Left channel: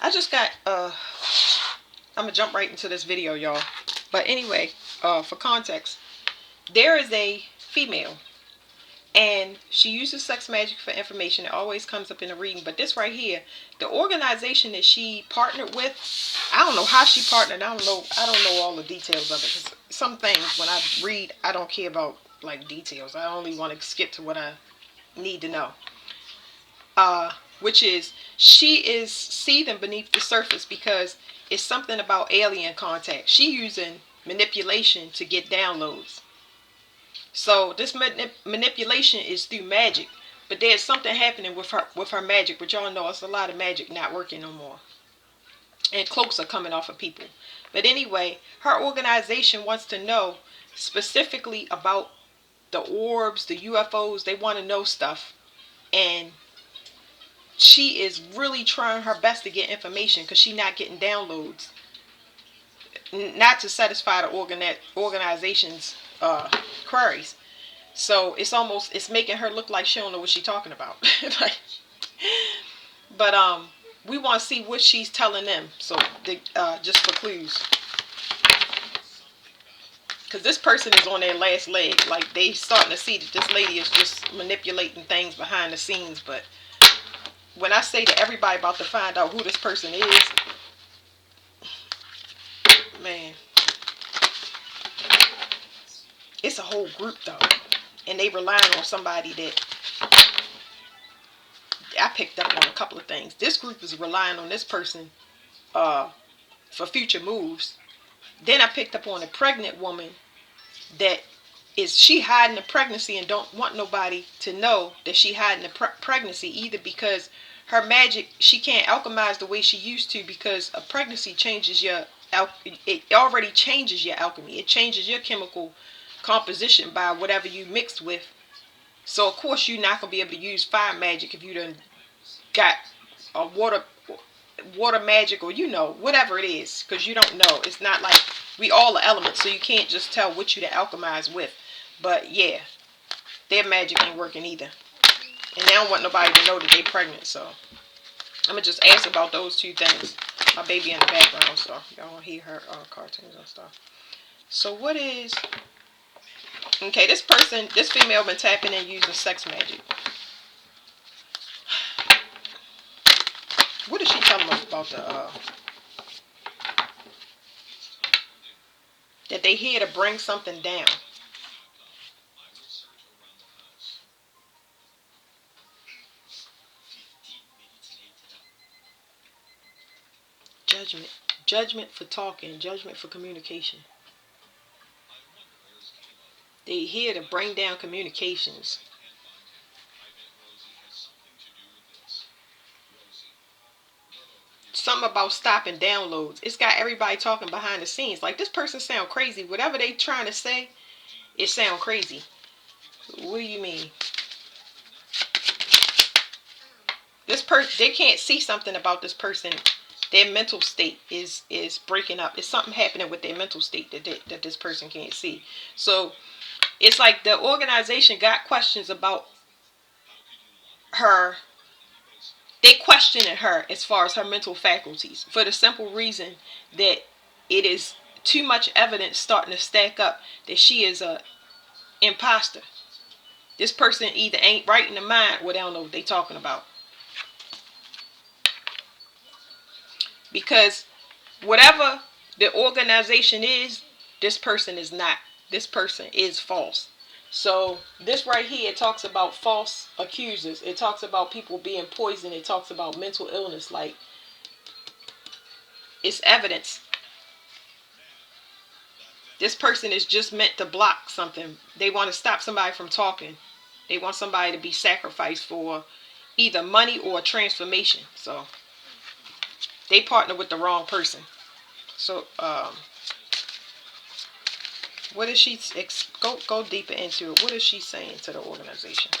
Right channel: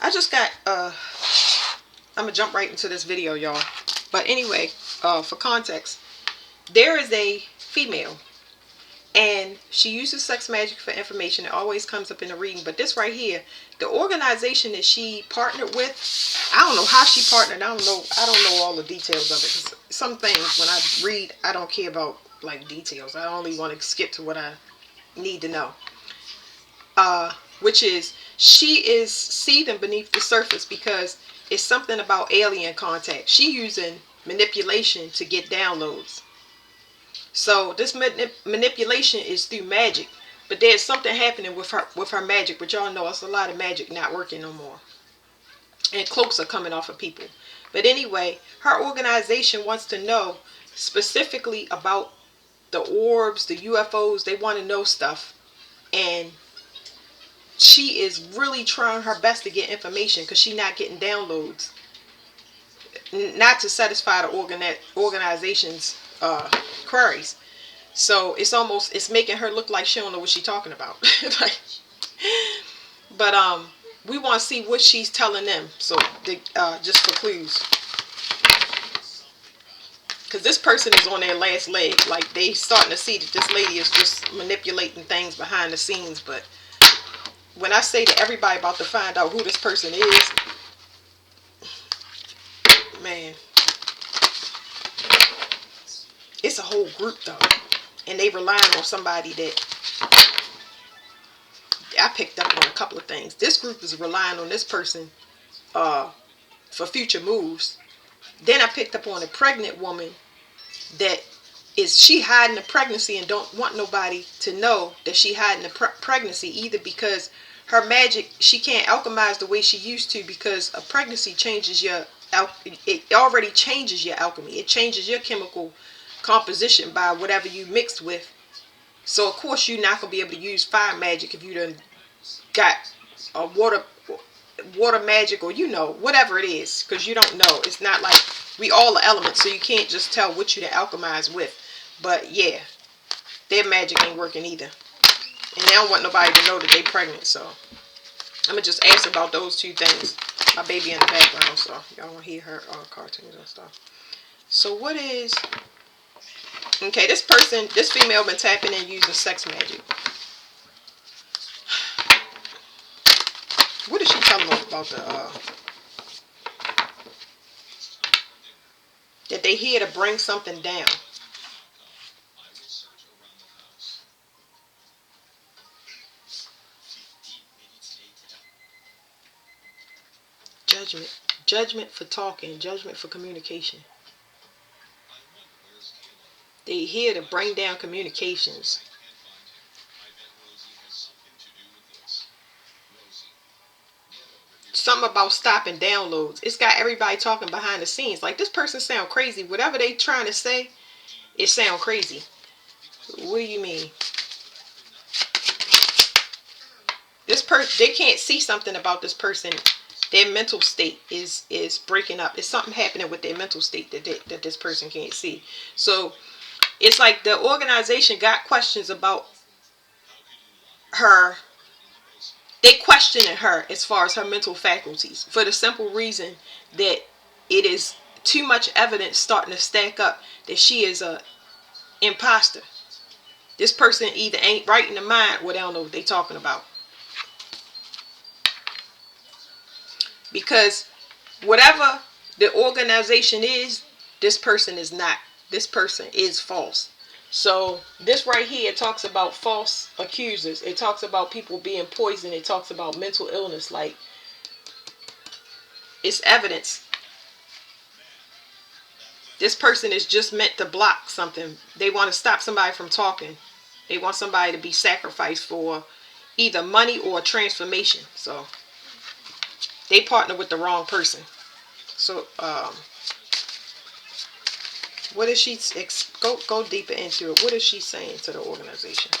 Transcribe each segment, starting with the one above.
I just got I'm gonna jump right into this video, y'all. But anyway, for context, there is a female, and she uses sex magic for information. It always comes up in the reading. But this right here, the organization that she partnered with, I don't know how she partnered. I don't know all the details of it. 'Cause some things when I read, I don't care about like details. I only want to skip to what I need to know. Which is, she is seething beneath the surface because it's something about alien contact. She using manipulation to get downloads. So this manipulation is through magic, but there's something happening with her magic. But y'all know it's a lot of magic not working no more, and cloaks are coming off of people. But anyway, her organization wants to know specifically about the orbs, the UFOs. They want to know stuff, and she is really trying her best to get information because she's not getting downloads, not to satisfy the organization's queries. So it's making her look like she don't know what she's talking about. Like, but we want to see what she's telling them. So just for clues, because this person is on their last leg. Like, they starting to see that this lady is just manipulating things behind the scenes. But when I say to everybody about to find out who this person is, man, it's a whole group though, and they relying on somebody that I picked up on a couple of things. This group is relying on this person for future moves. Then I picked up on a pregnant woman that she hiding the pregnancy and don't want nobody to know that she hiding the pregnancy, either because her magic, she can't alchemize the way she used to, because a pregnancy changes it already changes your alchemy. It changes your chemical composition by whatever you mixed with. So of course you're not gonna be able to use fire magic if you done got a water magic, or whatever it is, because you don't know. It's not like we all are elements, so you can't just tell what you to alchemize with. But yeah, their magic ain't working either, and they don't want nobody to know that they pregnant. So I'm gonna just ask about those two things. My baby in the background, so y'all gonna hear her cartoons and stuff. So what is okay? This female been tapping in using sex magic. What is she telling us about that they here to bring something down? Judgment for talking, judgment for communication. They here to bring down communications. Something about stopping downloads. It's got everybody talking behind the scenes. Like, this person sound crazy. Whatever they trying to say, it sound crazy. What do you mean? This person, they can't see something about this person. Their mental state is breaking up. It's something happening with their mental state that this person can't see. So it's like the organization got questions about her. They questioning her as far as her mental faculties, for the simple reason that it is too much evidence starting to stack up that she is a imposter. This person either ain't right in the mind, or they don't know what they talking about. Because whatever the organization is, this person is not. This person is false. So this right here, it talks about false accusers. It talks about people being poisoned. It talks about mental illness. Like, it's evidence. This person is just meant to block something. They want to stop somebody from talking. They want somebody to be sacrificed for either money or transformation. So they partner with the wrong person. So what is she, go deeper into it. What is she saying to the organization?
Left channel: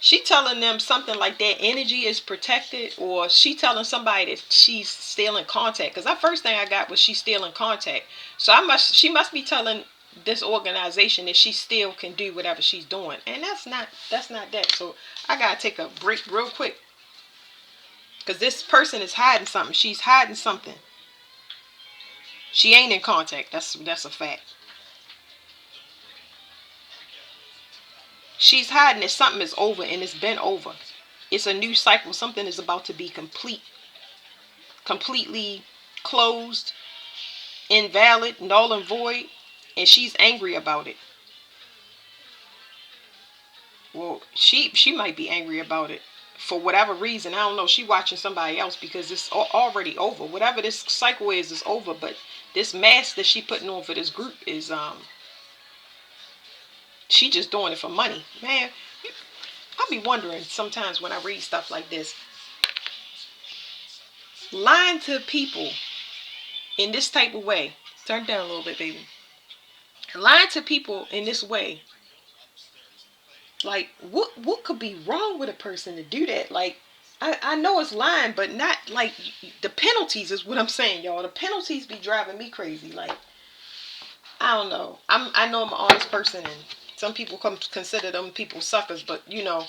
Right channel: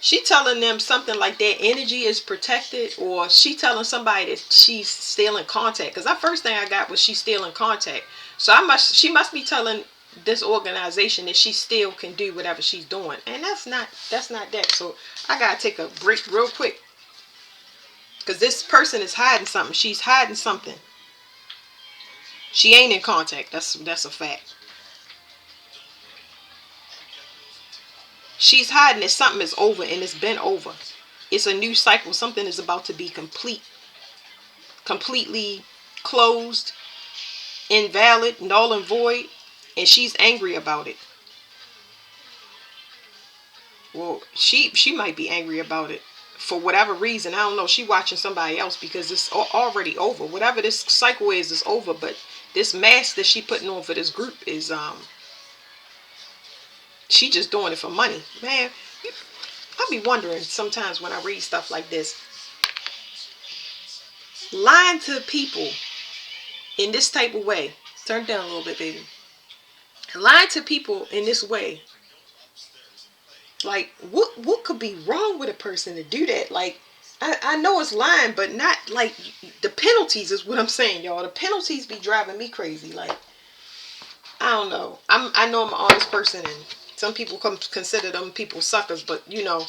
She telling them something like their energy is protected, or she telling somebody that she's still in contact. Because that first thing I got was she's still in contact. So she must be telling this organization that she still can do whatever she's doing. And that's not that. So I gotta take a break real quick. Because this person is hiding something. She's hiding something. She ain't in contact. That's a fact. She's hiding that something is over and it's been over. It's a new cycle. Something is about to be completely closed, invalid, null and void, and she's angry about it. Well, she might be angry about it for whatever reason. I don't know. She watching somebody else because it's already over. Whatever this cycle is over. But this mask that she putting on for this group is she just doing it for money, man. I be wondering sometimes when I read stuff like this, lying to people in this type of way. Turn down a little bit, baby. Lying to people in this way. Like, what could be wrong with a person to do that? Like, I know it's lying, but not like the penalties is what I'm saying, y'all. The penalties be driving me crazy. Like, I don't know. I know I'm an honest person, and some people consider them people suckers, but you know,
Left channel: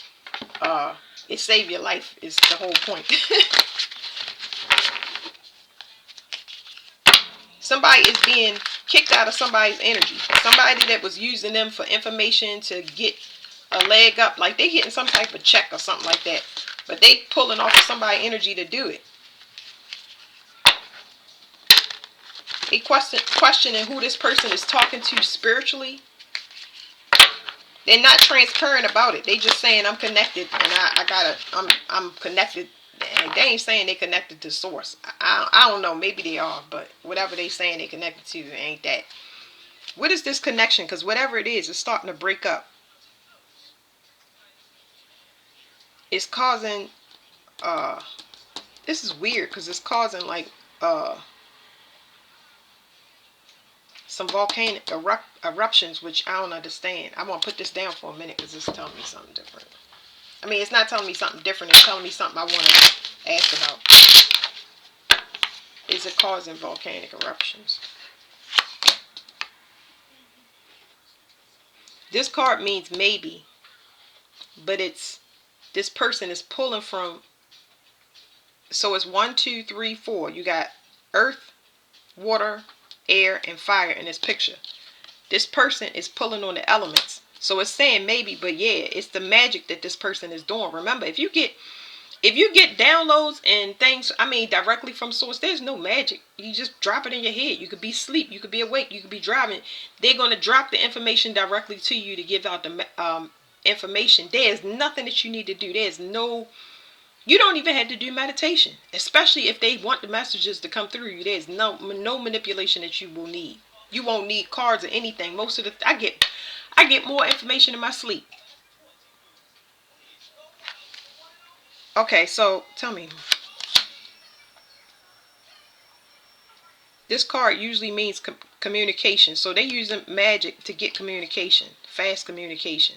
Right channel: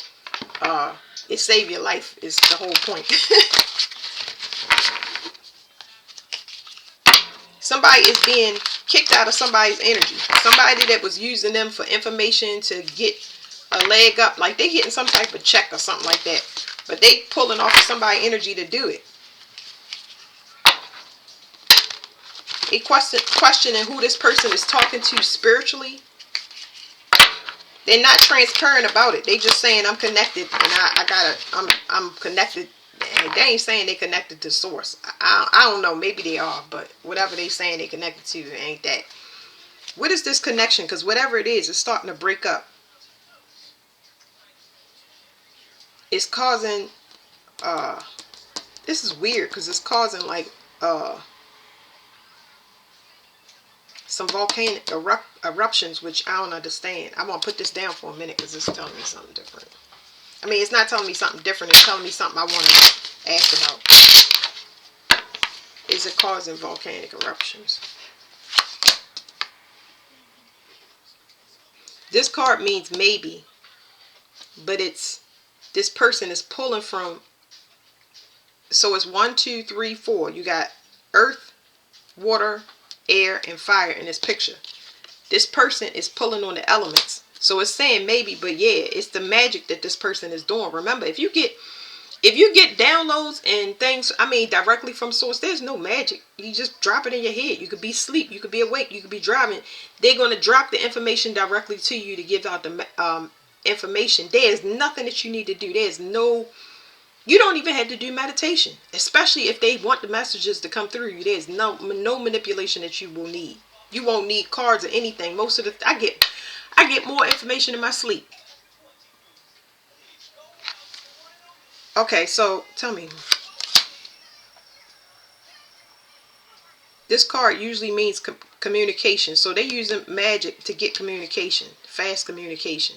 it save your life is the whole point. Somebody is being kicked out of somebody's energy. Somebody that was using them for information to get a leg up, like they getting some type of check or something like that, but they pulling off of somebody's energy to do it. They questioning who this person is talking to spiritually. They're not transparent about it. They just saying I'm connected and I'm connected. And they ain't saying they connected to source. I don't know. Maybe they are, but whatever they saying they connected to, it ain't that. What is this connection? Because whatever it is, it's starting to break up. It's causing this is weird because it's causing like some volcanic eruptions, which I don't understand. I'm gonna put this down for a minute because it's telling me something different. I mean, it's not telling me something different. It's telling me something I want to ask about. Is it causing volcanic eruptions? This card means maybe, but it's this person is pulling from. So it's 1, 2, 3, 4. You got earth, water, air, and fire in this picture. This person is pulling on the elements. So it's saying maybe, but yeah, it's the magic that this person is doing. Remember, if you get downloads and things, I mean, directly from source, there's no magic. You just drop it in your head. You could be asleep, you could be awake, you could be driving. They're going to drop the information directly to you to give out the information. There's nothing that you need to do. You don't even have to do meditation, especially if they want the messages to come through you. There's no manipulation that you will need. You won't need cards or anything. Most of the I get more information in my sleep. Okay, so tell me. This card usually means communication. So they're using magic to get communication, fast communication.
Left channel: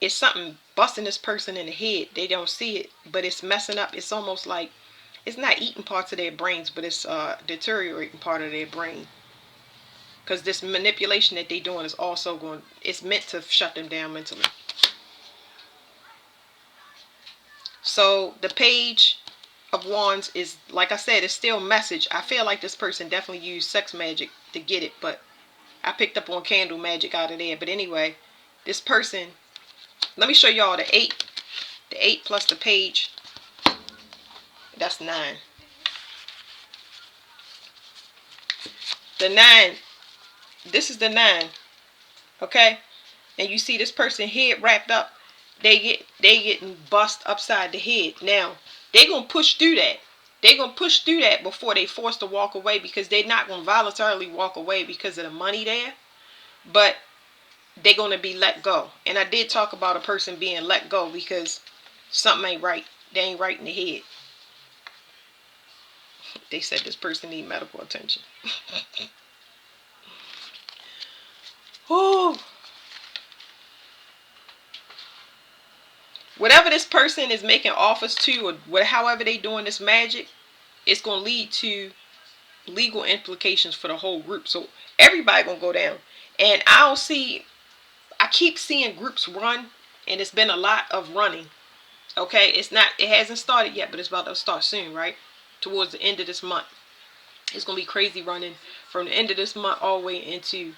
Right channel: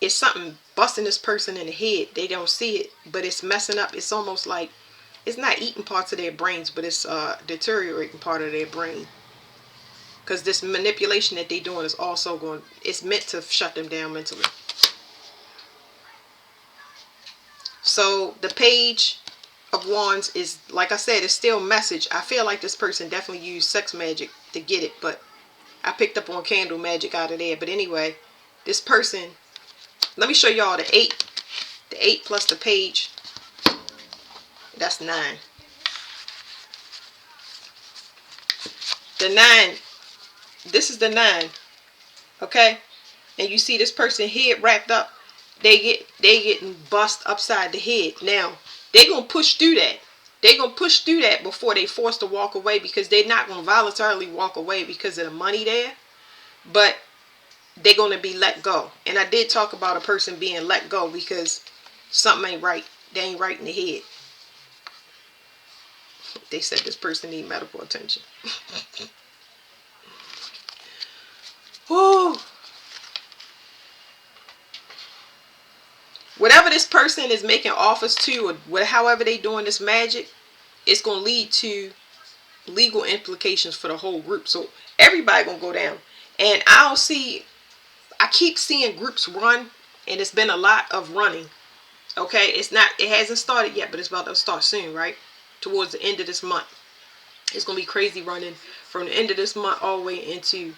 It's something busting this person in the head. They don't see it, but it's messing up. It's almost like it's not eating parts of their brains, but it's deteriorating part of their brain. Because this manipulation that they're doing is also it's meant to shut them down mentally. So the Page of Wands is, like I said, it's still message. I feel like this person definitely used sex magic to get it, but I picked up on candle magic out of there. But anyway, this person, let me show y'all the 8. The 8 plus the Page, that's 9. The 9, this is the 9, okay? And you see this person head wrapped up. They getting bust upside the head. Now, they're going to push through that. They're going to push through that before they forced to walk away, because they're not going to voluntarily walk away because of the money there. But they're going to be let go. And I did talk about a person being let go because something ain't right. They ain't right in the head. They said this person need medical attention. Whew. Whatever this person is making offers to, or however they doing this magic, it's going to lead to legal implications for the whole group. So everybody gonna go down. And I keep seeing groups run, and it's been a lot of running. Okay, it hasn't started yet, but it's about to start soon, right? Towards the end of this month. It's gonna be crazy running from the end of this month all the way into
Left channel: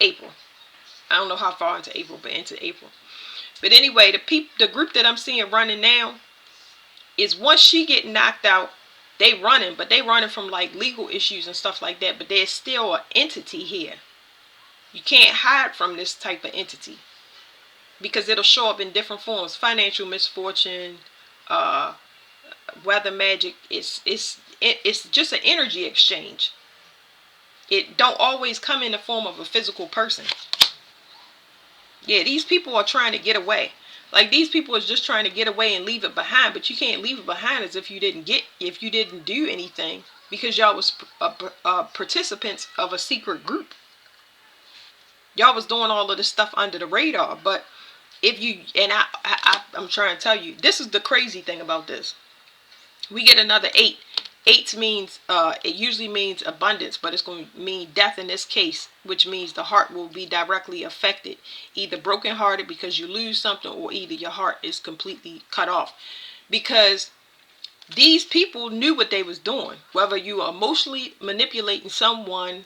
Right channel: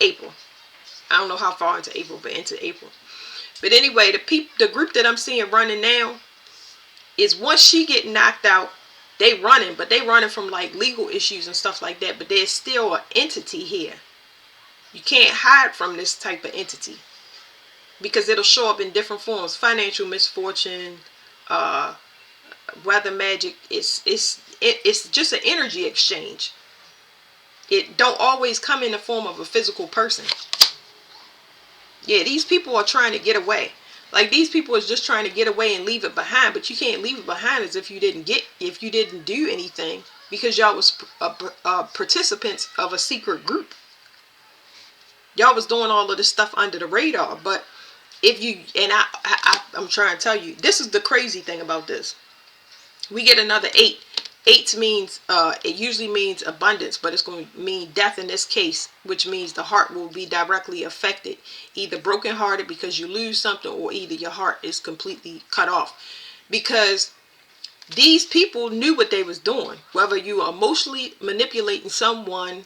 April. I don't know how far into April, but into April. But anyway, the group that I'm seeing running now is once she get knocked out, they running, but they running from like legal issues and stuff like that. But there's still an entity here. You can't hide from this type of entity because it'll show up in different forms: financial misfortune, weather magic. It's just an energy exchange. It don't always come in the form of a physical person. Yeah, these people are trying to get away. Like, these people is just trying to get away and leave it behind, but you can't leave it behind as if you didn't do anything, because y'all was participants of a secret group. Y'all was doing all of this stuff under the radar. But if you, and I'm trying to tell you, this is the crazy thing about this. We get another 8. 8 means, it usually means abundance, but it's going to mean death in this case, which means the heart will be directly affected. Either brokenhearted because you lose something, or either your heart is completely cut off. Because these people knew what they was doing. Whether you are emotionally manipulating somebody,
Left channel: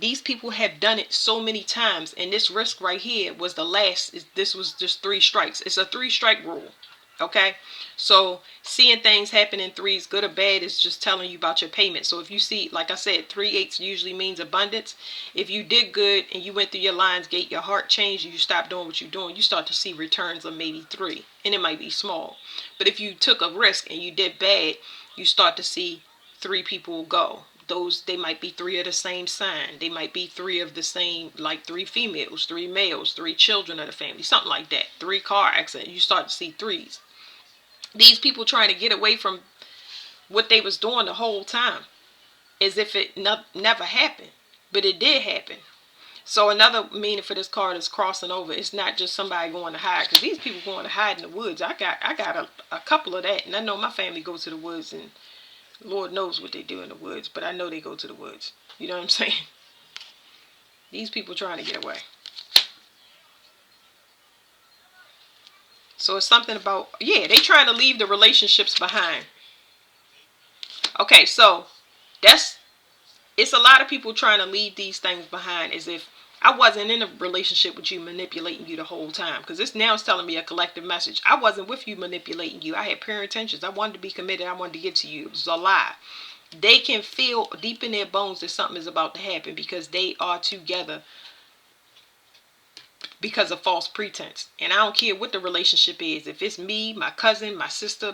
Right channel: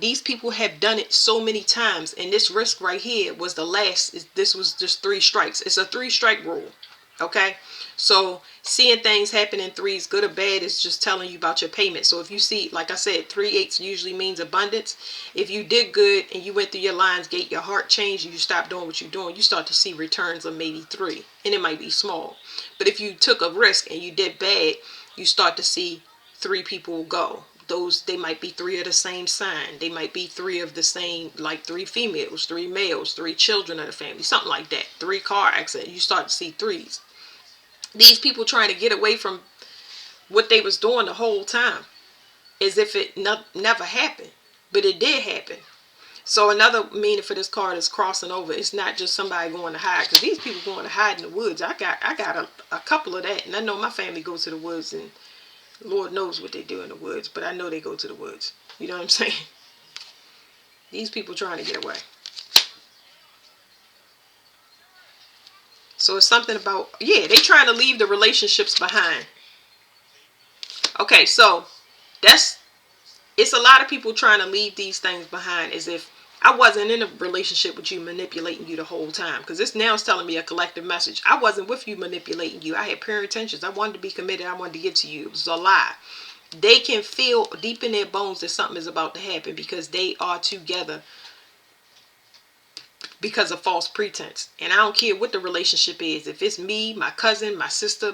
these people have done it so many times. And this risk right here was the last. This was just 3 strikes. It's a 3-strike rule. Okay? So seeing things happen in threes, good or bad, is just telling you about your payment. So if you see, like I said, 3 8s usually means abundance. If you did good and you went through your Lion's Gate, your heart changed, and you stopped doing what you're doing, you start to see returns of maybe 3. And it might be small. But if you took a risk and you did bad, you start to see 3 people go. They might be 3 of the same sign. They might be 3 of the same, like 3 females, 3 males, 3 children of the family, something like that. 3 car accidents. You start to see 3s. These people trying to get away from what they was doing the whole time, as if it never happened, but it did happen. So another meaning for this card is crossing over. It's not just somebody going to hide, because these people going to hide in the woods. I got a couple of that, and I know my family goes to the woods, and Lord knows what they do in the woods, but I know they go to the woods. You know what I'm saying? These people trying to get away. So it's something about, yeah, they trying to leave the relationships behind. Okay, so it's a lot of people trying to leave these things behind, as if I wasn't in a relationship with you manipulating you the whole time. Because it's telling me a collective message. I wasn't with you manipulating you. I had pure intentions. I wanted to be committed. I wanted to get to you. It was a lie. They can feel deep in their bones that something is about to happen, because they are together because of false pretense. And I don't care what the relationship is. If it's me, my cousin, my sister,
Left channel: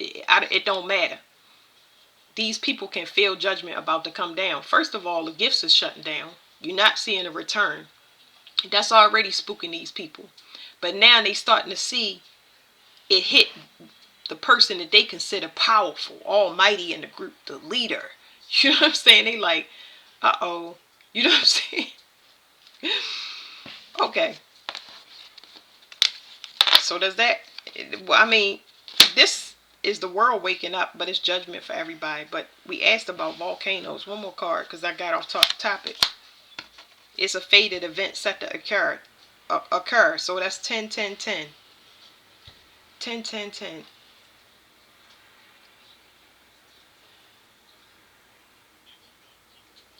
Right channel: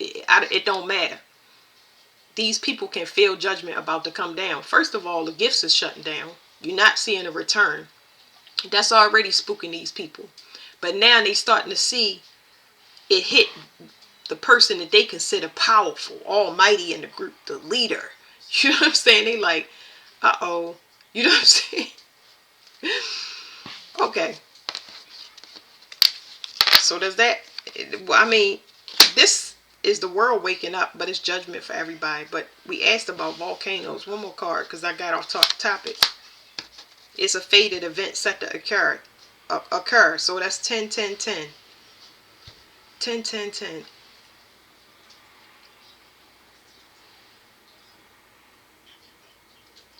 it don't matter. These people can feel judgment about to come down. First of all, the gifts is shutting down. You're not seeing a return. That's already spooking these people. But now they starting to see it hit the person that they consider powerful, almighty in the group, the leader. You know what I'm saying? They like, uh-oh. You know what I'm saying? Okay. So does that, I mean, this is the world waking up, but it's judgment for everybody. But we asked about volcanoes. One more card, because I got off topic. It's a fated event set to occur. So that's 10, 10, 10. 10, 10, 10.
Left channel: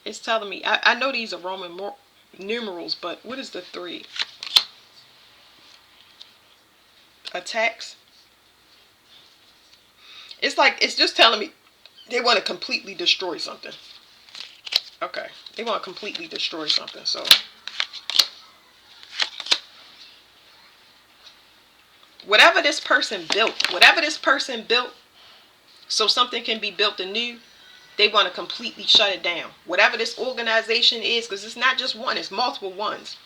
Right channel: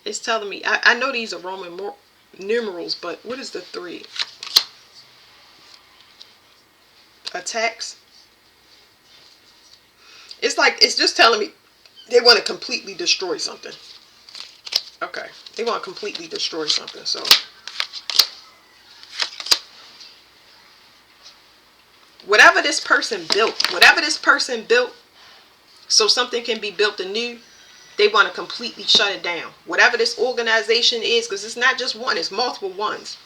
It's telling me, I know these are Roman numerals, but what is the 3? Attacks. It's like, it's just telling me they want to completely destroy something. Okay. They want to completely destroy something. So whatever this person built, so something can be built anew, they want to completely shut it down. Whatever this organization is, because it's not just one, it's multiple ones.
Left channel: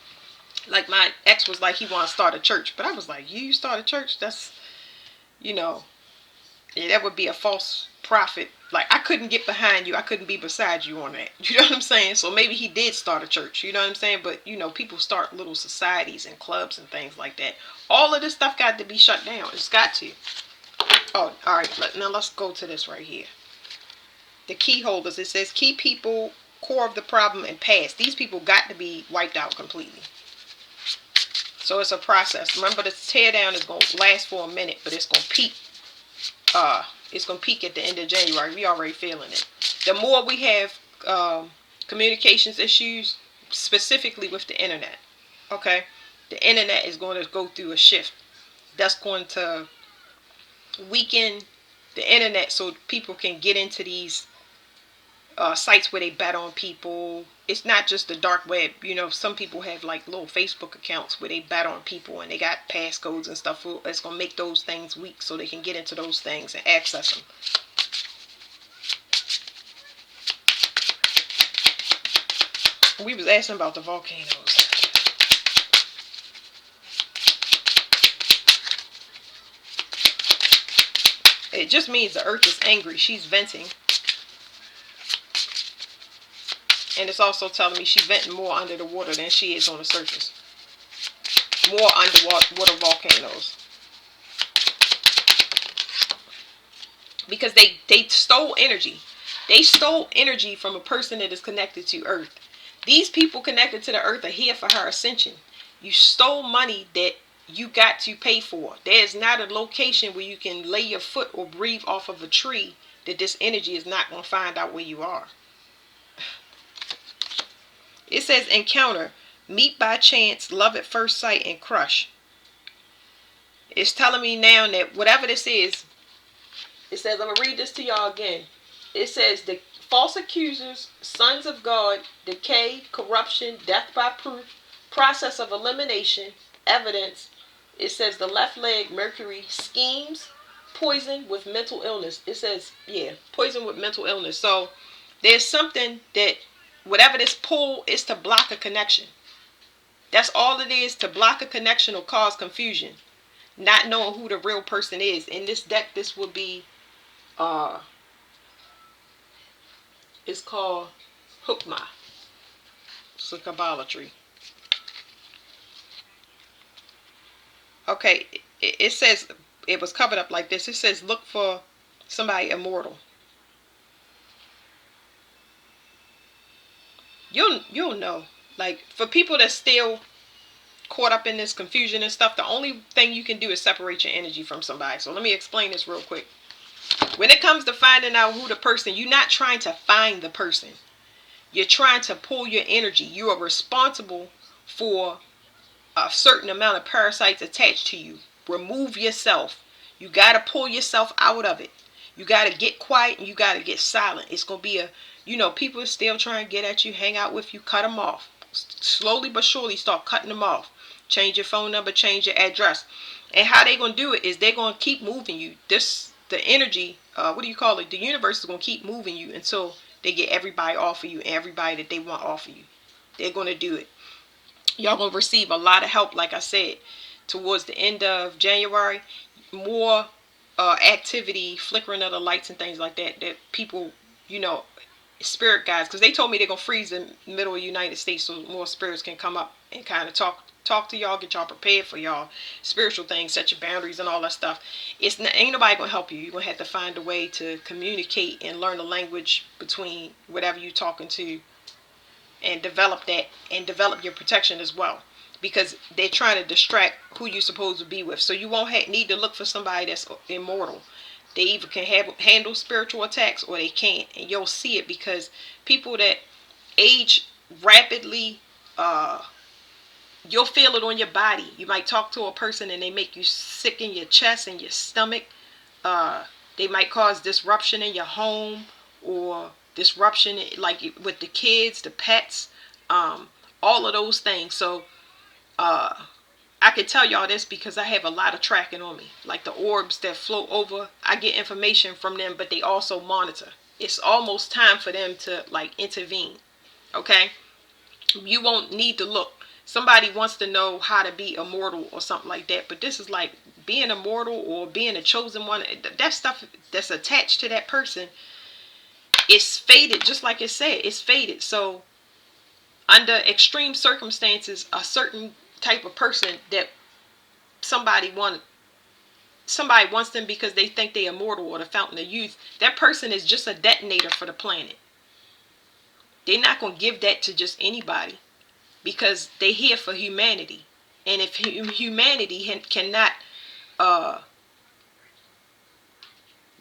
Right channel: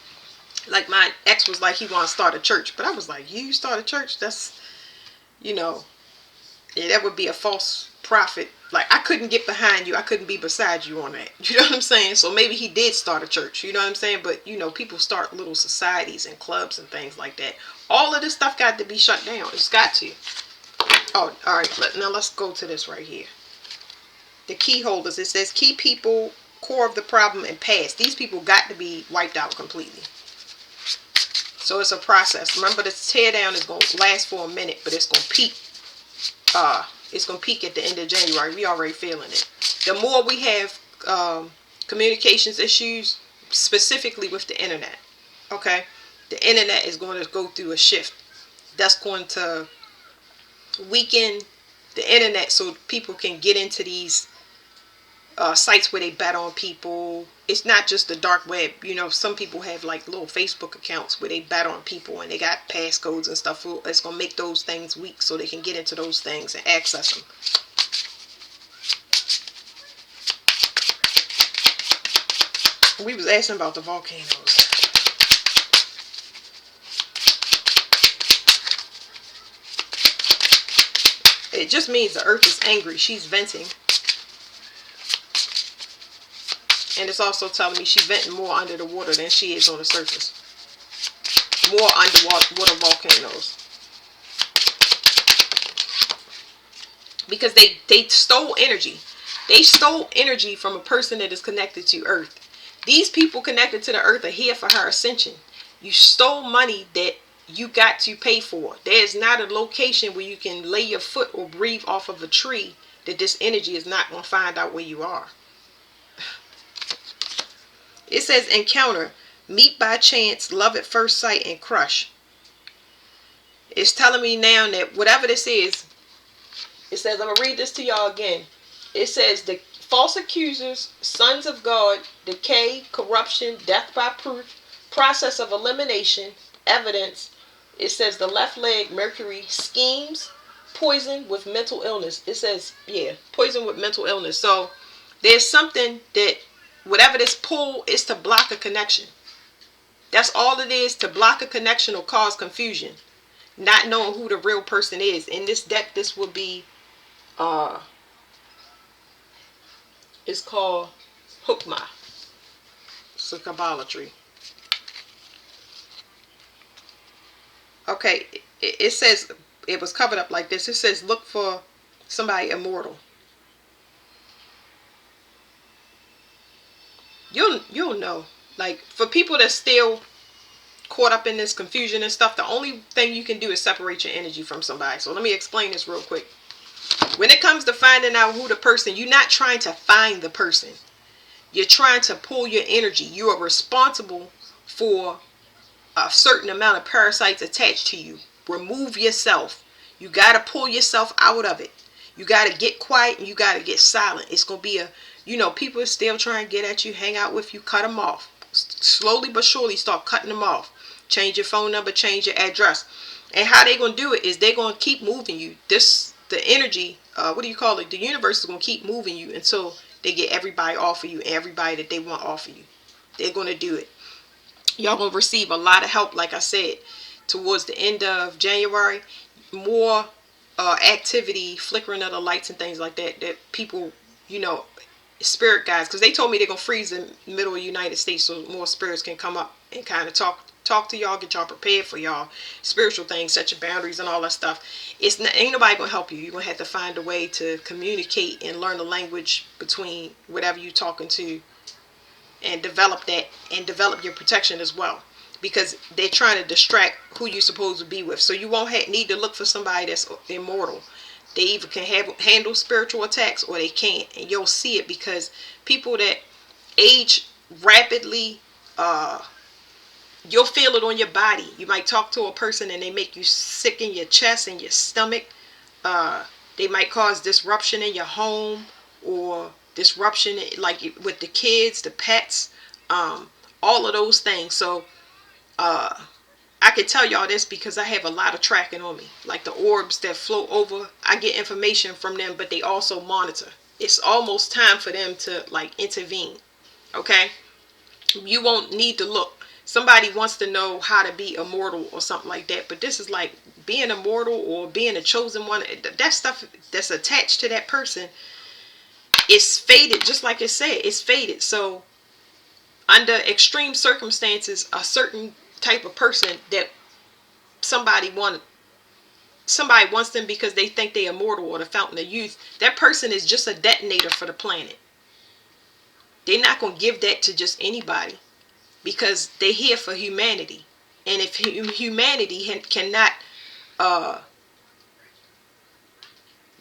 Like my ex was like, he wants to start a church. But I was like, you start a church? That's, yeah, that would be a false prophet. Like, I couldn't get behind you. I couldn't be beside you on that. You know what I'm saying? So maybe he did start a church. You know what I'm saying? But, people start little societies and clubs and things like that. All of this stuff got to be shut down. It's got to. Oh, all right. Now let's go to this right here. The key holders. It says key people, core of the problem, and past. These people got to be wiped out completely. So it's a process. Remember, this tear down is going to last for a minute, but it's going to peak. It's going to peak at the end of January. We already feeling it. The more we have communications issues, specifically with the internet, okay, the internet is going to go through a shift. That's going to weaken the internet so people can get into these sites where they bet on people. It's not just the dark web. You know, some people have like little Facebook accounts where they bet on people and they got passcodes and stuff. It's going to make those things weak so they can get into those things and access them. We was asking about the volcanoes. It just means the earth is angry. She's venting. And it's also telling me she's venting more under the water than she is on the surface. More underwater volcanoes. Because they stole energy. They stole energy from a person that is connected to Earth. These people connected to the Earth are here for her ascension. You stole money that you got to pay for. There's not a location where you can lay your foot or breathe off of a tree that this energy is not going to find out where you are. It says encounter, meet by chance, love at first sight, and crush. It's telling me now that whatever this is, it says, I'm going to read this to y'all again. It says the false accusers, sons of God, decay, corruption, death by proof, process of elimination, evidence. It says the left leg, Mercury, schemes, poison with mental illness. It says, yeah, poison with mental illness. So there's something that whatever this pull is to block a connection. That's all it is, to block a connection or cause confusion. Not knowing who the real person is. In this deck, this will be, it's called Hukmah. It's a Kabbalah tree. Okay, it says, it was covered up like this. It says, look for somebody immortal. You'll know. Like, for people that's still caught up in this confusion and stuff, the only thing you can do is separate your energy from somebody. So let me explain this real quick. When it comes to finding out who the person, you're not trying to find the person. You're trying to pull your energy. You are responsible for a certain amount of parasites attached to you. Remove yourself. You got to pull yourself out of it. You got to get quiet and you got to get silent. It's going to be a, you know, people are still trying to get at you, hang out with you, cut them off. Slowly but surely start cutting them off. Change your phone number, change your address. And how they going to do it is they're going to keep moving you. The energy, what do you call it? The universe is going to keep moving you until they get everybody off of you and everybody that they want off of you. They're going to do it. Y'all going to receive a lot of help, like I said, towards the end of January. More activity, flickering of the lights and things like that, that people, you know, spirit guides, because they told me they're going to freeze in the middle of the United States so more spirits can come up and kind of talk to y'all, get y'all prepared for y'all spiritual things, set your boundaries and all that stuff. Ain't nobody going to help you. You're going to have to find a way to communicate and learn the language between whatever you're talking to and develop that and develop your protection as well. Because they're trying to distract who you're supposed to be with. So you won't need to look for somebody that's immortal. They either can handle spiritual attacks or they can't. And you'll see it because people that age rapidly, you'll feel it on your body. You might talk to a person and they make you sick in your chest and your stomach. They might cause disruption in your home or disruption like with the kids, the pets, all of those things. So I can tell y'all this because I have a lot of tracking on me. Like the orbs that float over, I get information from them, but they also monitor. It's almost time for them to like intervene. Okay? You won't need to look. Somebody wants to know how to be immortal or something like that, but this is like being immortal or being a chosen one. That stuff that's attached to that person is fated, just like it said, it's fated. So under extreme circumstances, a certain type of person that somebody wanted somebody wants them because they think they're immortal or the fountain of youth, that person is just a detonator for the planet. They're not going to give that to just anybody, because they're here for humanity. And if humanity cannot,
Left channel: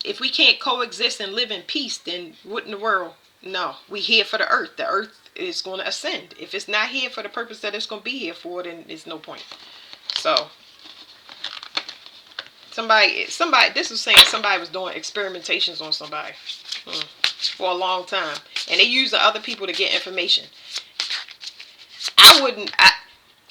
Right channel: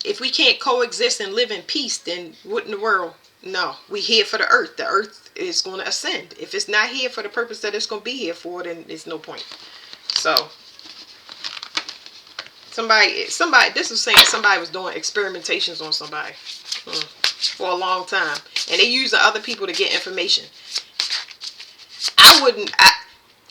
if we can't coexist and live in peace, then what in the world? No, we here for the earth. The earth is going to ascend. If it's not here for the purpose that it's going to be here for, then there's no point. So somebody, this was saying somebody was doing experimentations on somebody for a long time, and they using other people to get information.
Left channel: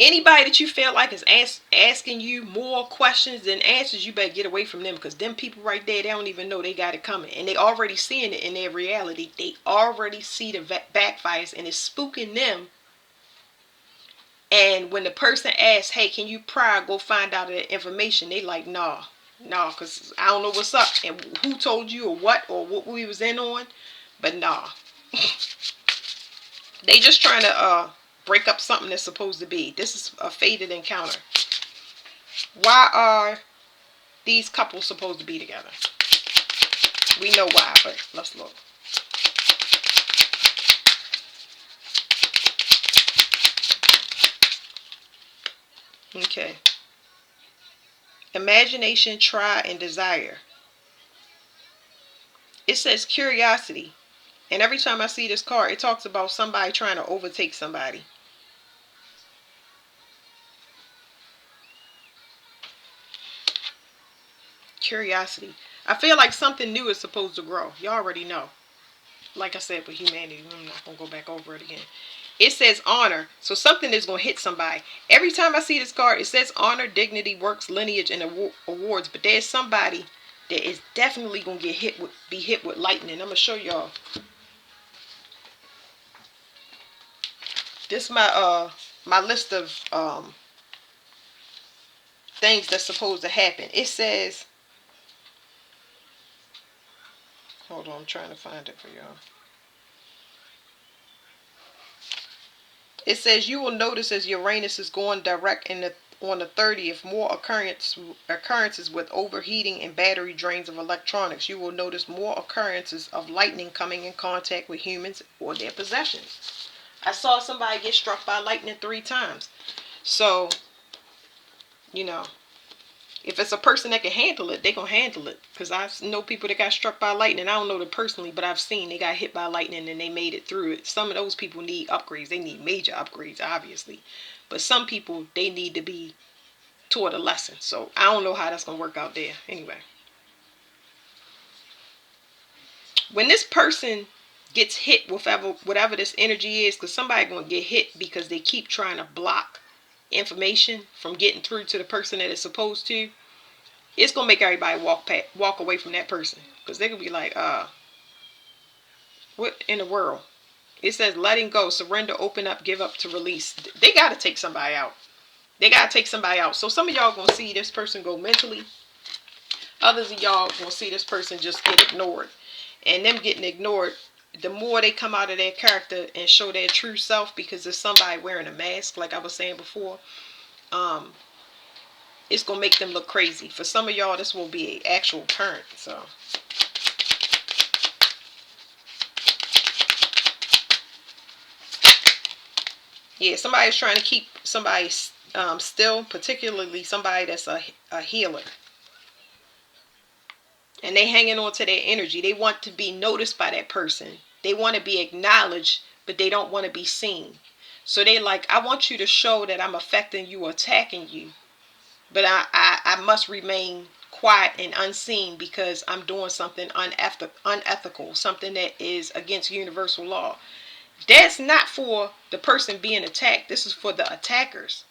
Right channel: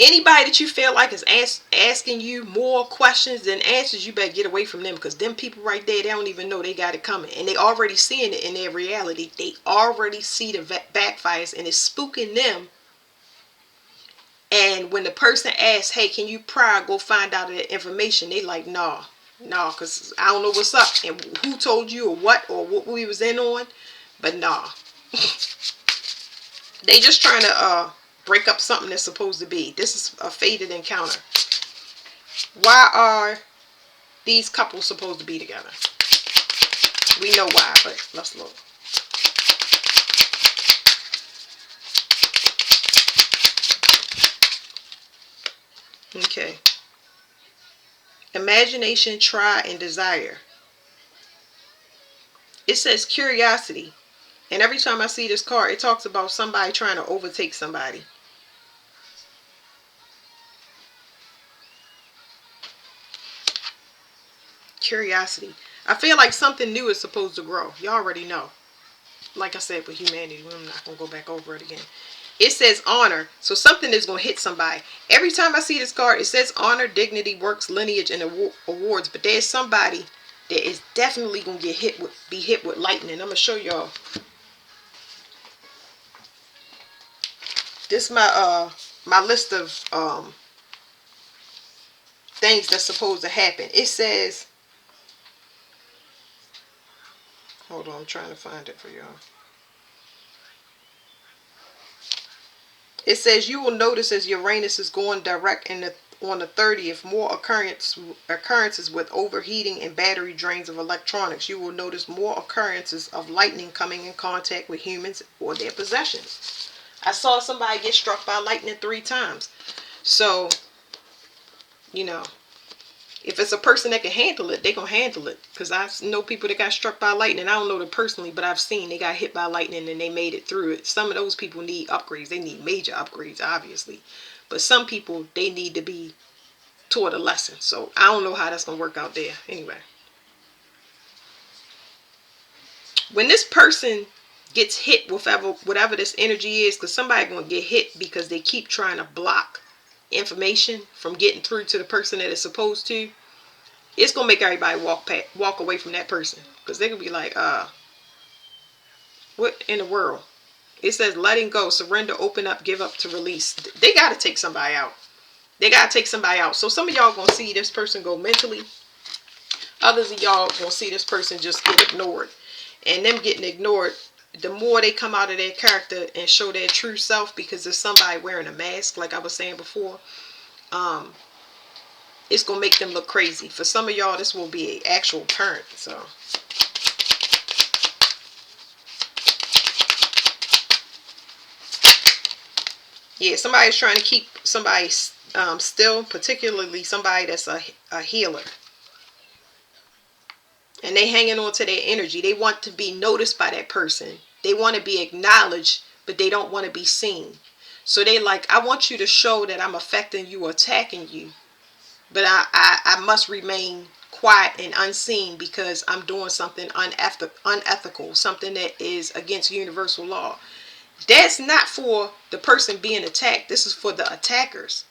Anybody that you feel like is asking you more questions than answers, you better get away from them, because them people right there, they don't even know they got it coming, and they already seeing it in their reality. They already see the backfires, and it's spooking them. And when the person asks, hey, can you go find out the information, they like, nah, because I don't know what's up and who told you or what we was in on, but nah. They just trying to break up something that's supposed to be. This is a fated encounter. Why are these couples supposed to be together? We know why, but let's look. Okay. Imagination, try, and desire. It says curiosity. And every time I see this card, it talks about somebody trying to overtake somebody. Curiosity. I feel like something new is supposed to grow. You already know. Like I said with humanity, I'm not going to go back over it again. It says honor. So something is going to hit somebody. Every time I see this card, it says honor, dignity, works, lineage, and awards. But there's somebody that is definitely going to be hit with lightning. I'm going to show y'all. This is my list of things that's supposed to happen. It says, hold on, I'm trying to find it for y'all. It says you will notice as Uranus is going direct on the 30th, more occurrences with overheating and battery drains of electronics. You will notice more occurrences of lightning coming in contact with humans or their possessions. I saw somebody get struck by lightning 3 times. So, you know, if it's a person that can handle it, they gonna handle it. Because I know people that got struck by lightning. I don't know them personally, but I've seen they got hit by lightning and they made it through it. Some of those people need upgrades. They need major upgrades, obviously. But some people, they need to be taught a lesson. So I don't know how that's gonna work out there. Anyway, when this person gets hit with whatever this energy is, because somebody gonna get hit because they keep trying to block information from getting through to the person that it's supposed to, it's gonna make everybody walk away from that person, because they're gonna be like, what in the world? It says letting go, surrender, open up, give up to release. They gotta take somebody out. They gotta take somebody out. So some of y'all gonna see this person go mentally. Others of y'all gonna see this person just get ignored. And them getting ignored, the more they come out of their character and show their true self, because there's somebody wearing a mask, like I was saying before, it's going to make them look crazy. For some of y'all, this will be an actual current. So, yeah, somebody's trying to keep somebody still, particularly somebody that's a healer. And they hanging on to their energy. They want to be noticed by that person. They want to be acknowledged, but they don't want to be seen. So they like, I want you to show that I'm affecting you or attacking you, but I must remain quiet and unseen because I'm doing something unethical, something that is against universal law. That's not for the person being attacked. This is for the attackers.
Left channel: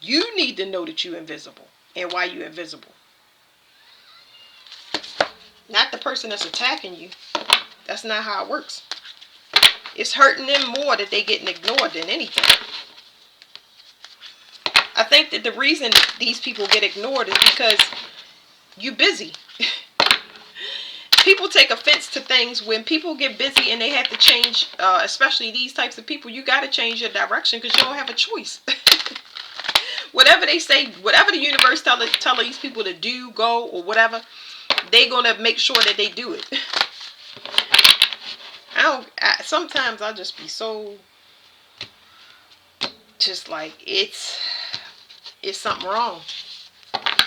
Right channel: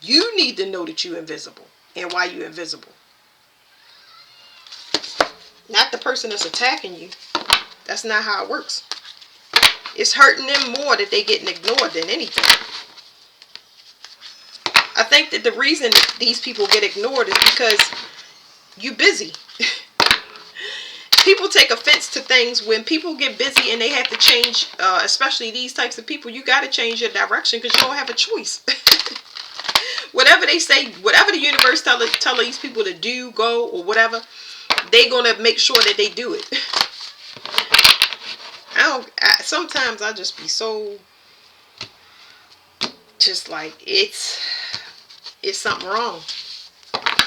You need to know that you're invisible and why you're invisible. Not the person that's attacking you. That's not how it works. It's hurting them more that they getting ignored than anything. I think that the reason that these people get ignored is because you're busy. People take offense to things when people get busy and they have to change, especially these types of people. You got to change your direction because you don't have a choice. Whatever they say, whatever the universe tell these people to do, go, or whatever, they gonna make sure that they do it. Sometimes I just be so, just like, it's something wrong.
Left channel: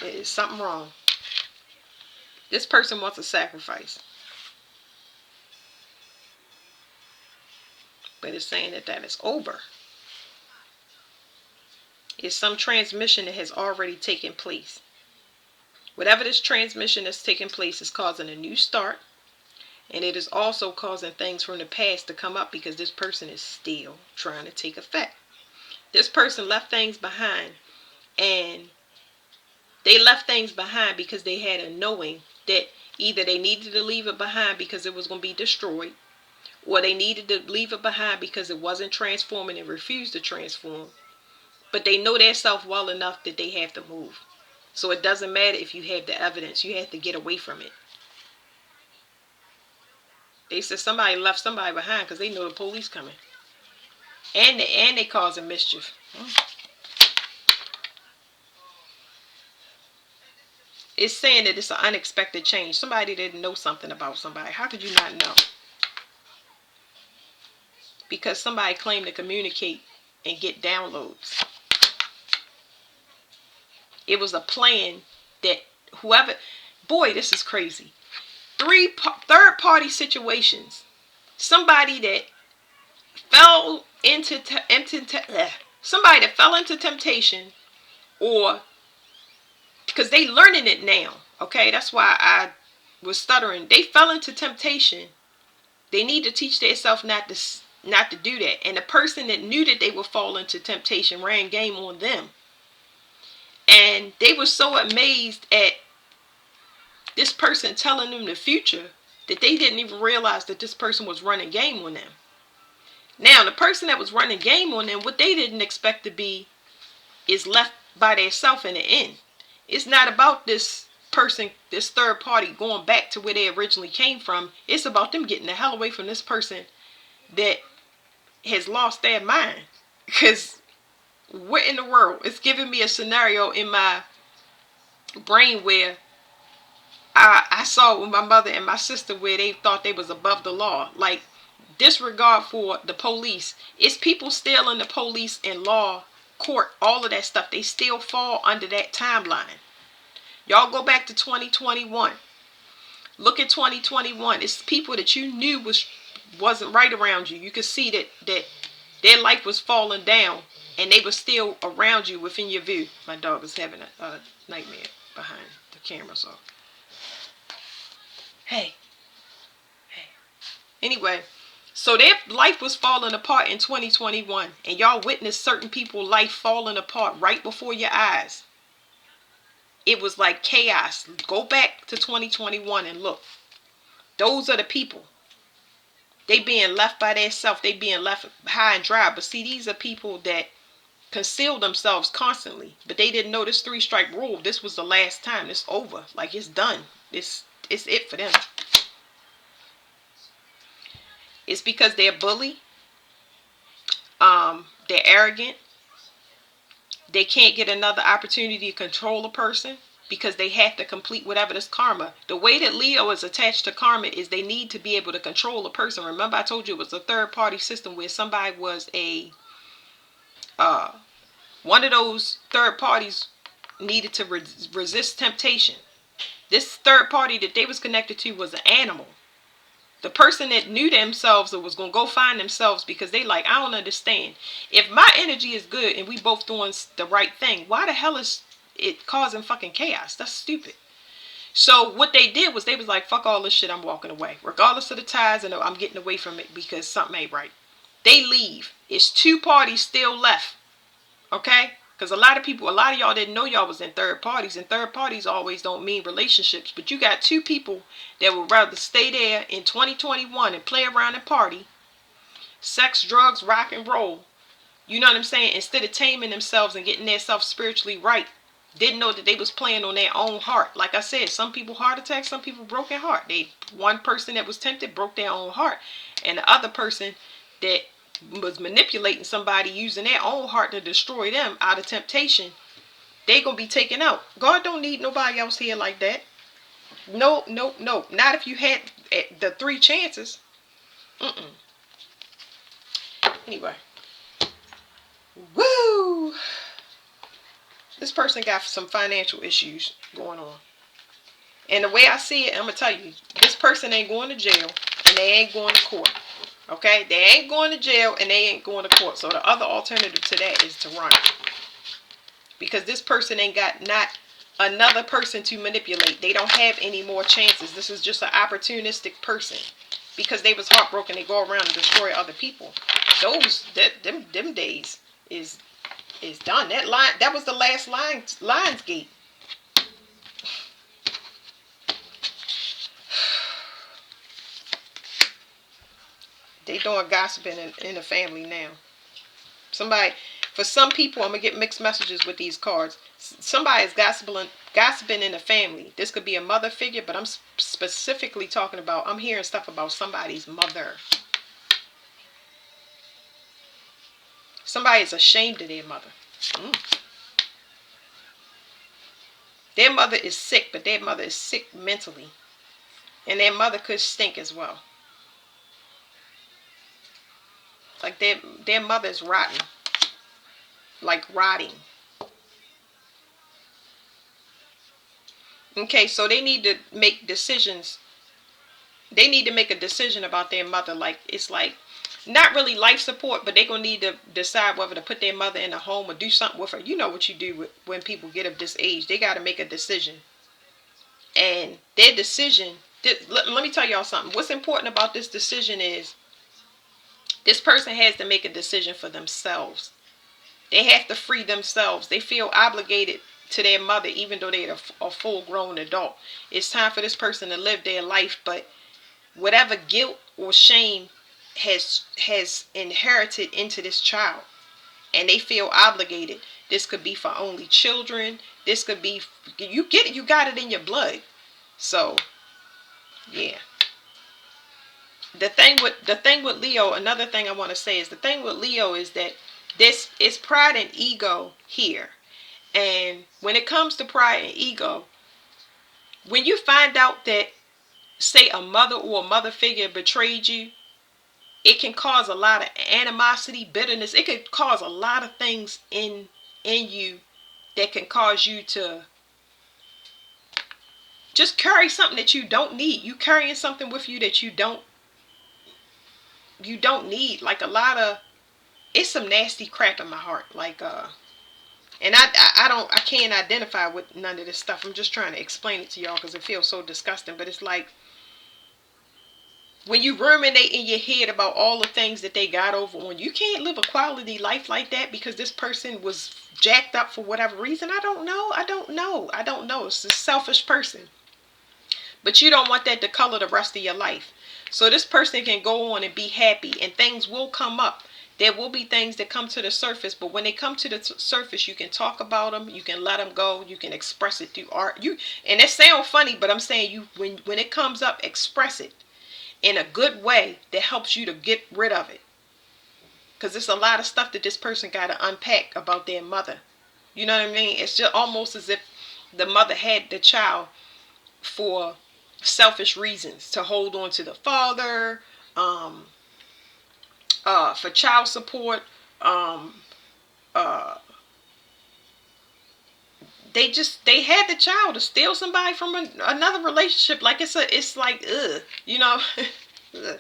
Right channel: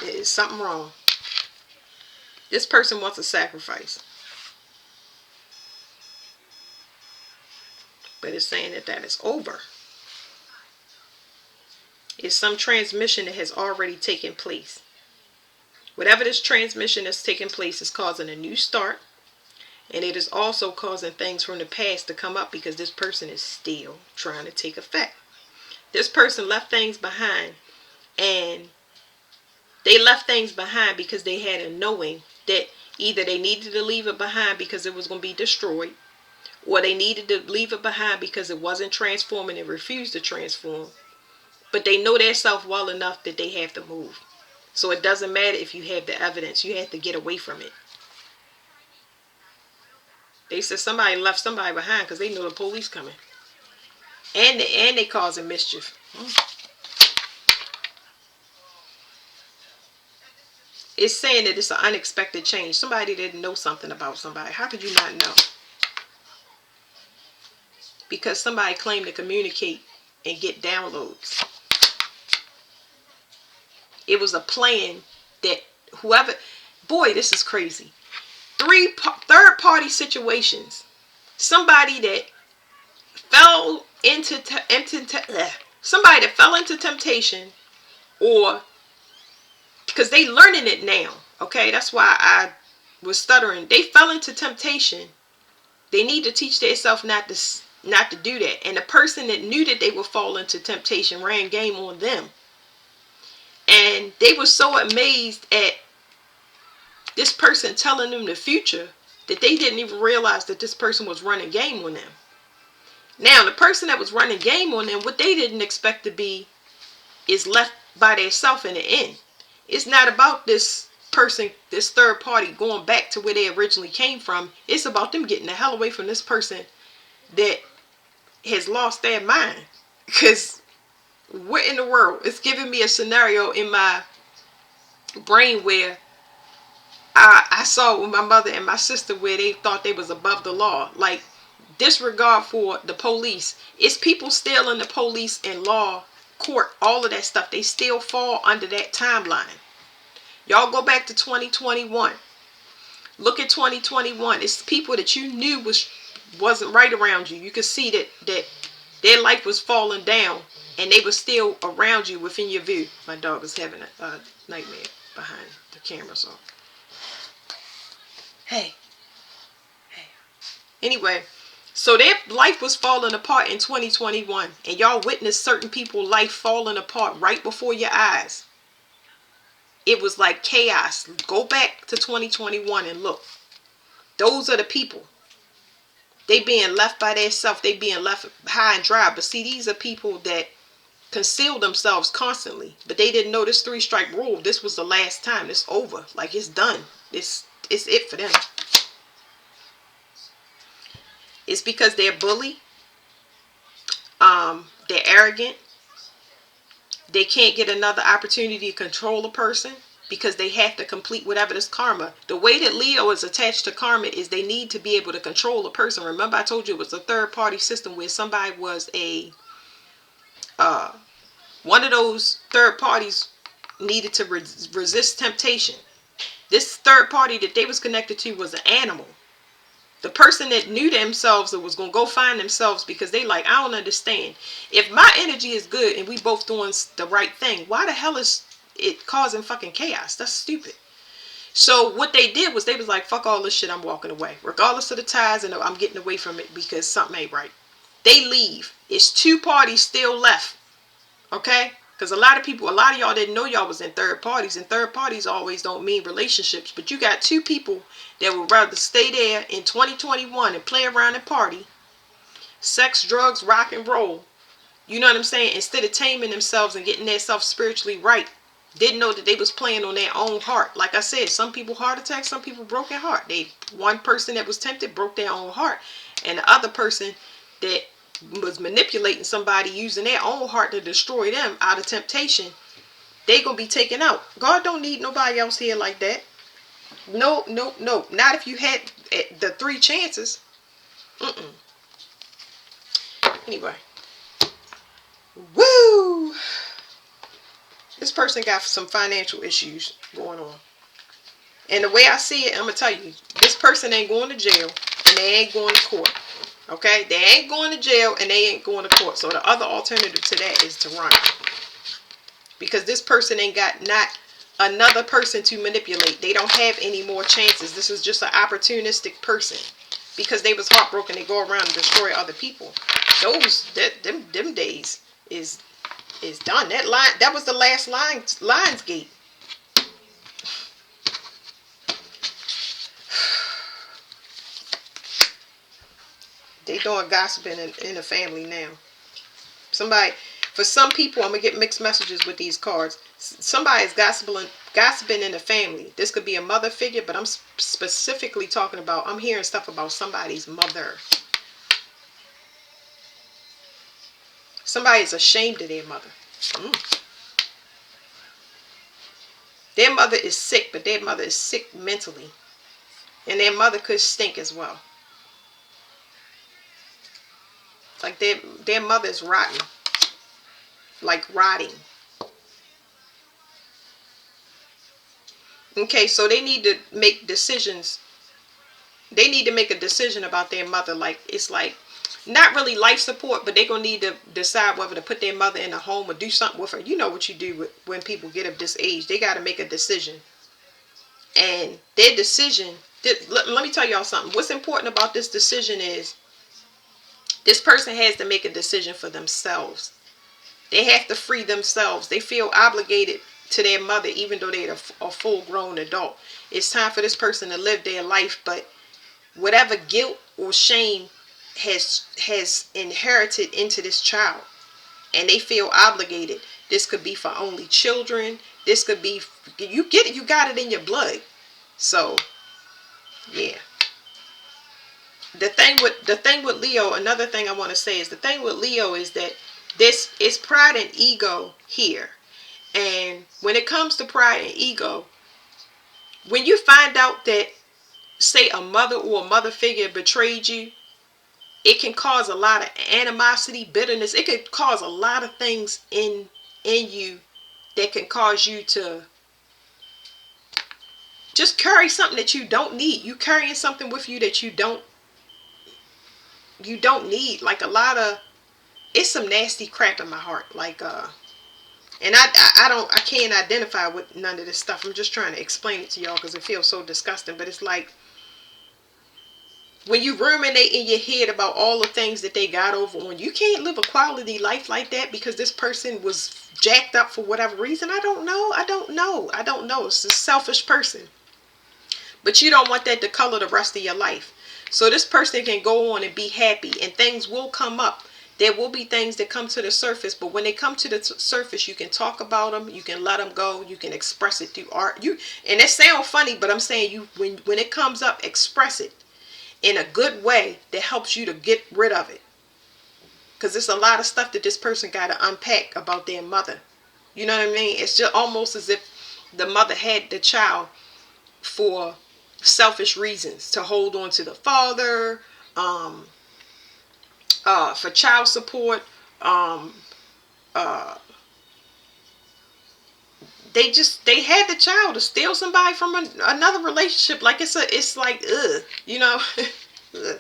It's something wrong. This person wants a sacrifice. But it's saying that is over. It's some transmission that has already taken place. Whatever this transmission that's taking place is causing a new start. And it is also causing things from the past to come up because this person is still trying to take effect. This person left things behind, and they left things behind because they had a knowing that either they needed to leave it behind because it was going to be destroyed, or they needed to leave it behind because it wasn't transforming and refused to transform. But they know their self well enough that they have to move. So it doesn't matter if you have the evidence. You have to get away from it. They said somebody left somebody behind because they know the police coming. And they causing mischief. It's saying that it's an unexpected change. Somebody didn't know something about somebody. How could you not know? Because somebody claimed to communicate and get downloads. It was a plan that whoever... Boy, this is crazy. Third-party situations. Somebody that fell into temptation, or because they learning it now. Okay, that's why I was stuttering. They fell into temptation. They need to teach themselves not to do that. And the person that knew that they would fall into temptation ran game on them. And they were so amazed at this person telling them the future that they didn't even realize that this person was running game on them. Now, the person that was running game on them, what they didn't expect to be is left by themselves in the end. It's not about this person, this third party, going back to where they originally came from. It's about them getting the hell away from this person that has lost their mind. Because what in the world? It's giving me a scenario in my brain where I saw with my mother and my sister where they thought they was above the law. Like, disregard for the police. It's people still in the police and law, court, all of that stuff. They still fall under that timeline. Y'all go back to 2021. Look at 2021. It's people that you knew wasn't right around you. You could see that their life was falling down, and they were still around you within your view. My dog is having a nightmare behind the camera, so. Hey. Anyway, so their life was falling apart in 2021, and y'all witnessed certain people's life falling apart right before your eyes. It was like chaos. Go back to 2021 and look. Those are the people. They being left by themselves. They being left high and dry. But see, these are people that conceal themselves constantly. But they didn't know this 3-strike rule. This was the last time. It's over. Like, it's done. It's it for them. It's because they're bully. They're arrogant. They can't get another opportunity to control a person because they have to complete whatever this karma. The way that Leo is attached to karma is they need to be able to control a person. Remember, I told you it was a third-party system where somebody was one of those third parties needed to resist temptation. This third party that they was connected to was an animal. The person that knew themselves that was going to go find themselves because they like, I don't understand. If my energy is good and we both doing the right thing, why the hell is it causing fucking chaos? That's stupid. So what they did was they was like, fuck all this shit, I'm walking away. Regardless of the ties, and I'm getting away from it because something ain't right. They leave. It's 2 parties still left. Okay? Because a lot of y'all didn't know y'all was in third parties. And third parties always don't mean relationships. But you got 2 people that would rather stay there in 2021 and play around and party. Sex, drugs, rock and roll. You know what I'm saying? Instead of taming themselves and getting themselves spiritually right. Didn't know that they was playing on their own heart. Like I said, some people heart attacks, some people broken heart. One person that was tempted broke their own heart. And the other person that was manipulating somebody using their own heart to destroy them out of temptation they gonna be taken out. God don't need nobody else here like that. No, no, no. Not if you had the 3 chances. Anyway. Woo! This person got some financial issues going on. And the way I see it, I'm going to tell you, this person ain't going to jail and they ain't going to court. Okay? They ain't going to jail and they ain't going to court. So the other alternative to that is to run. Because this person ain't got not another person to manipulate. They don't have any more chances. This is just an opportunistic person. Because they was heartbroken, they go around and destroy other people. Them days is done. That was the last Lionsgate. They doing gossiping in the family now. For some people, I'm gonna get mixed messages with these cards. Somebody's gossiping in the family. This could be a mother figure, but I'm specifically talking about, I'm hearing stuff about somebody's mother. Somebody's ashamed of their mother. Their mother is sick, but their mother is sick mentally. And their mother could stink as well. Like their mother is rotten. Like rotting. Okay, so they need to make decisions. They need to make a decision about their mother. Like, it's like, not really life support, but they're going to need to decide whether to put their mother in a home or do something with her. You know what you do when people get of this age. They got to make a decision. And their decision, let me tell y'all something. What's important about this decision is this person has to make a decision for themselves. They have to free themselves. They feel obligated to their mother even though they're a full-grown adult. It's time for this person to live their life, but whatever guilt or shame has inherited into this child, and they feel obligated. This could be for only children. This could be, you got it in your blood. So yeah. The thing with Leo, another thing I want to say is, the thing with Leo is that this is pride and ego here. And when it comes to pride and ego, when you find out that, say, a mother or a mother figure betrayed you, it can cause a lot of animosity, bitterness. It could cause a lot of things in you that can cause you to just carry something that you don't need. You carrying something with you that you don't need. Like it's some nasty crap in my heart. Like and I can't identify with none of this stuff. I'm just trying to explain it to y'all because it feels so disgusting. But it's like, when you ruminate in your head about all the things that they got over on, you can't live a quality life like that because this person was jacked up for whatever reason. I don't know. It's a selfish person. But you don't want that to color the rest of your life. So this person can go on and be happy, and things will come up. There will be things that come to the surface, but when they come to the surface, you can talk about them, you can let them go, you can express it through art. And it sounds funny, but I'm saying when it comes up, express it in a good way that helps you to get rid of it. Because there's a lot of stuff that this person got to unpack about their mother. You know what I mean? It's just almost as if the mother had the child for selfish reasons, to hold on to the father, for child support. They had the child to steal somebody from another relationship. Like it's like, ugh, you know. Ugh.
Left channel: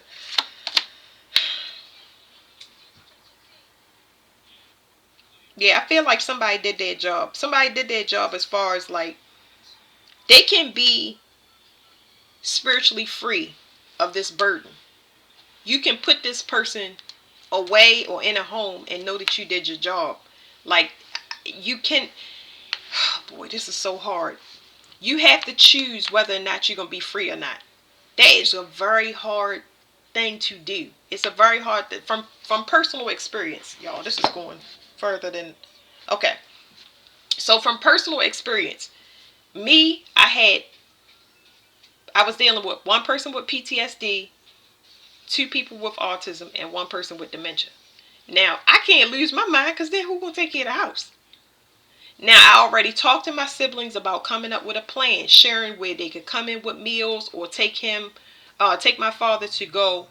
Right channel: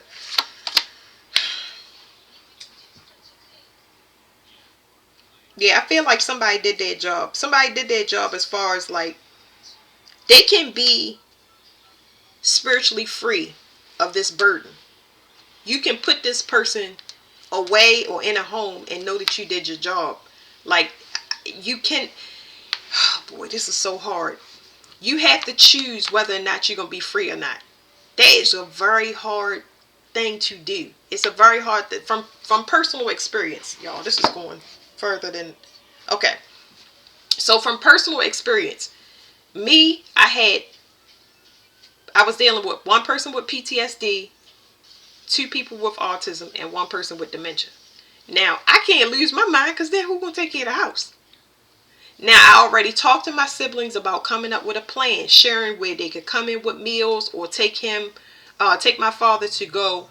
Yeah, I feel like somebody did their job. Somebody did their job as far as, like, they can be spiritually free of this burden. You can put this person away or in a home and know that you did your job. Like, you can, oh boy, this is so hard. You have to choose whether or not you're going to be free or not. That is a very hard thing to do. It's a very hard thing. From personal experience, y'all, this is going further than, okay. So from personal experience, I was dealing with one person with PTSD, 2 people with autism, and 1 person with dementia. Now, I can't lose my mind because then who's going to take care of the house? Now, I already talked to my siblings about coming up with a plan, sharing where they could come in with meals, or take my father to go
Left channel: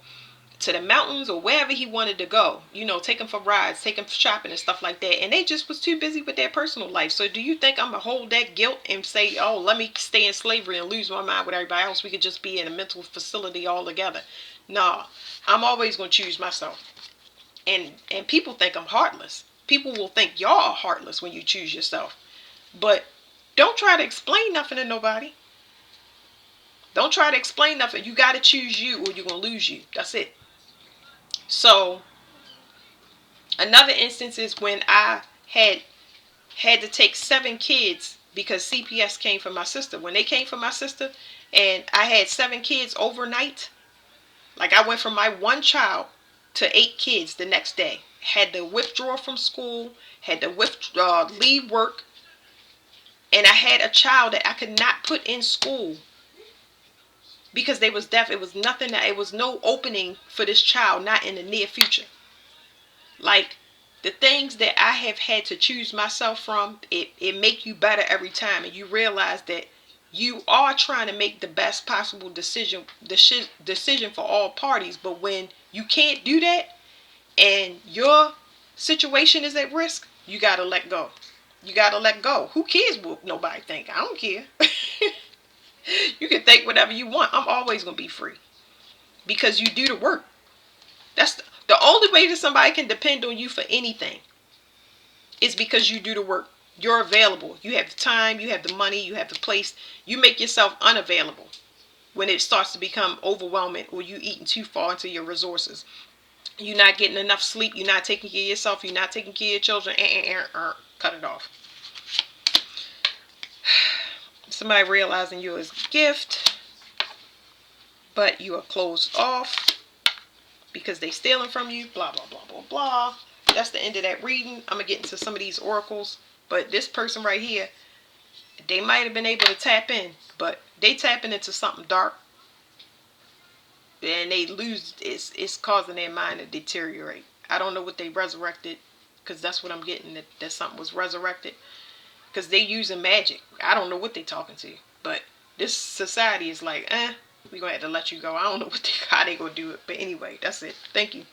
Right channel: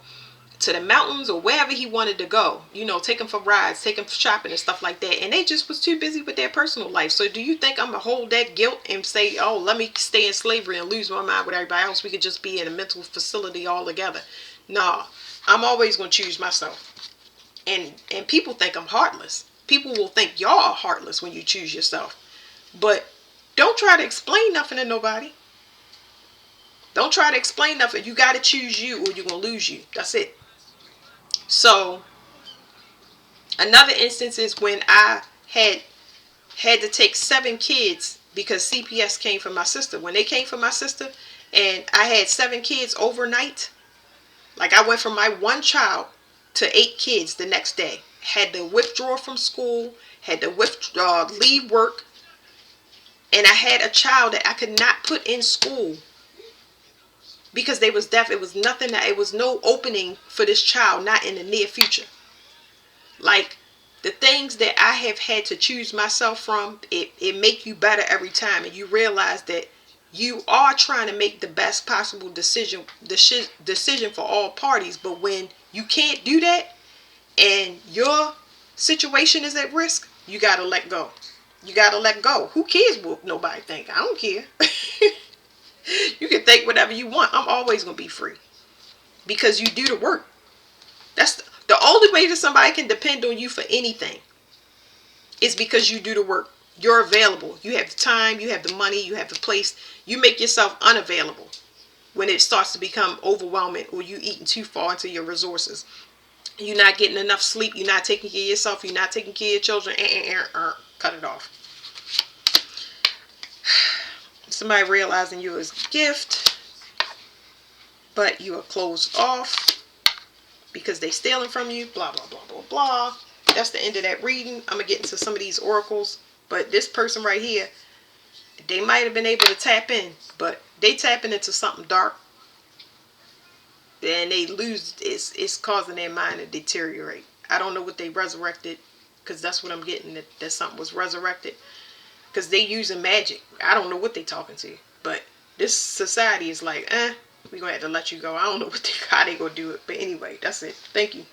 to the mountains or wherever he wanted to go. You know, take him for rides, take him shopping and stuff like that. And they just was too busy with their personal life. So do you think I'm gonna hold that guilt and say, oh, let me stay in slavery and lose my mind with everybody else? We could just be in a mental facility all together. Nah, I'm always gonna choose myself. And people think I'm heartless. People will think y'all are heartless when you choose yourself. But don't try to explain nothing to nobody. Don't try to explain nothing. You got to choose you, or you're going to lose you. That's it. So another instance is when I had to take 7 kids because CPS came for my sister. When they came for my sister and I had 7 kids overnight, like I went from my one child to 8 kids the next day. Had to withdraw from school, had to leave work, and I had a child that I could not put in school because they was deaf. It was nothing, that it was no opening for this child, not in the near future. Like, the things that I have had to choose myself from, it make you better every time, and you realize that you are trying to make the best possible decision for all parties. But when you can't do that and your situation is at risk, you gotta let go. You gotta let go. Who cares what nobody think? I don't care. You can think whatever you want. I'm always gonna be free because you do the work. That's the only way that somebody can depend on you for anything is because you do the work. You're available. You have the time, you have the money, you have the place. You make yourself unavailable when it starts to become overwhelming, or you eating too far into your resources. You're not getting enough sleep. You're not taking care of yourself. You're not taking care of your children. Cut it off. Somebody realizing you is a gift, but you are closed off because they stealing from you. Blah, blah, blah, blah, blah. That's the end of that reading. I'm going to get into some of these oracles. But this person right here, they might have been able to tap in, but they tapping into something dark. And they lose, it's causing their mind to deteriorate. I don't know what they resurrected, because that's what I'm getting, that something was resurrected. Because they using magic. I don't know what they talking to. But this society is like, we're going to have to let you go. I don't know how they going to do it. But anyway, that's it. Thank you.